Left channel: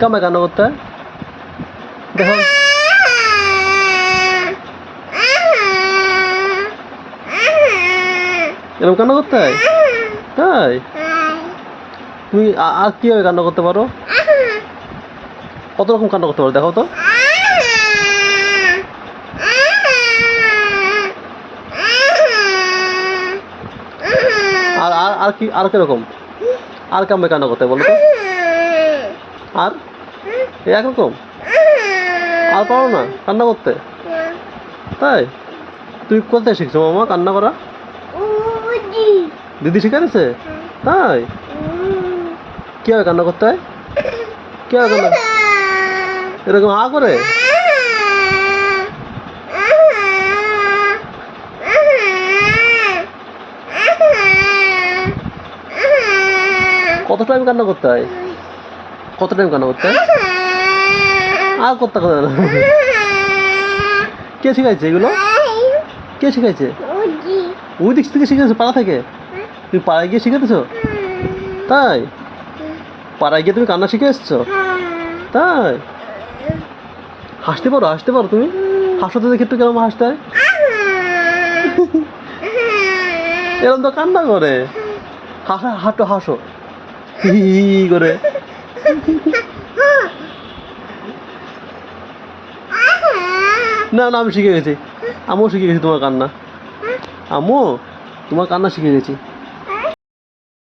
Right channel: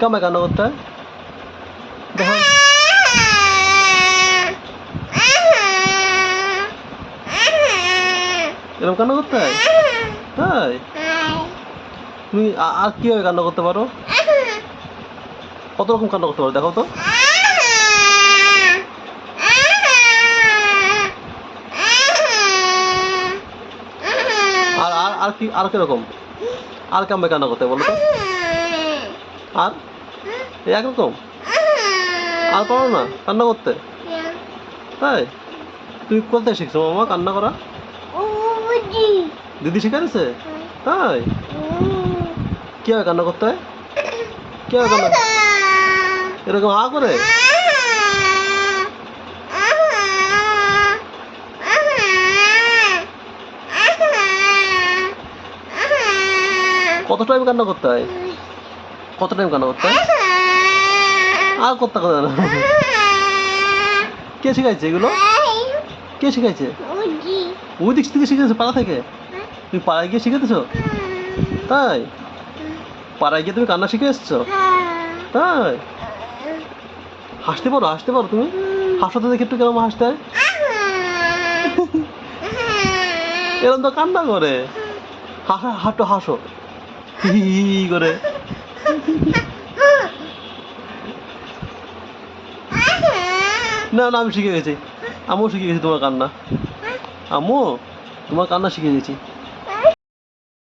কেমন কান্না করতে? দেখো। এরকম কান্না করতে? হয় তাই? তুমি আর কীভাবে কান্না করতে পারো? কত রকম কান্না করতে পারো, দেখো তো। আর আর কি, আর কীরকম? আর কেমন কান্না করতে বলো তো? আর? একরকম? আর পারো না, কান্না করতে? তাই? তুই কোথায় শিখছো মামা, কান্না করা? দিদি শিখে শিখাইছে তাই? কীভাবে কান্না করতে হয়? কীভাবে কান্না এরকম হা করে? কত টাইম কান্না করতে হয়? কত টাইম কান্না করতে আর করতে কথা না কে শিখাইছে এগুলো কে শিখাইছে ওই দিক থেকে শিখেছো পাড়া থেকে তুমি পাড়ায় গিয়ে শিখেছো তাই পাড়ায় গিয়ে তুমি কান্না শিখে এসছো তাই হাসতে পারো হাসতে পারো তুমি হাসো তো দেখে একটু কেমন হাসতে হয় এরকম তো কান্না করে হাসা হাঁটো হাসো হি করে না না, আমি শিখে গেছি। আমিও শিখে গেছি তোমার কান্না। আম্মু, তোমার কান্না শিখে গেছি।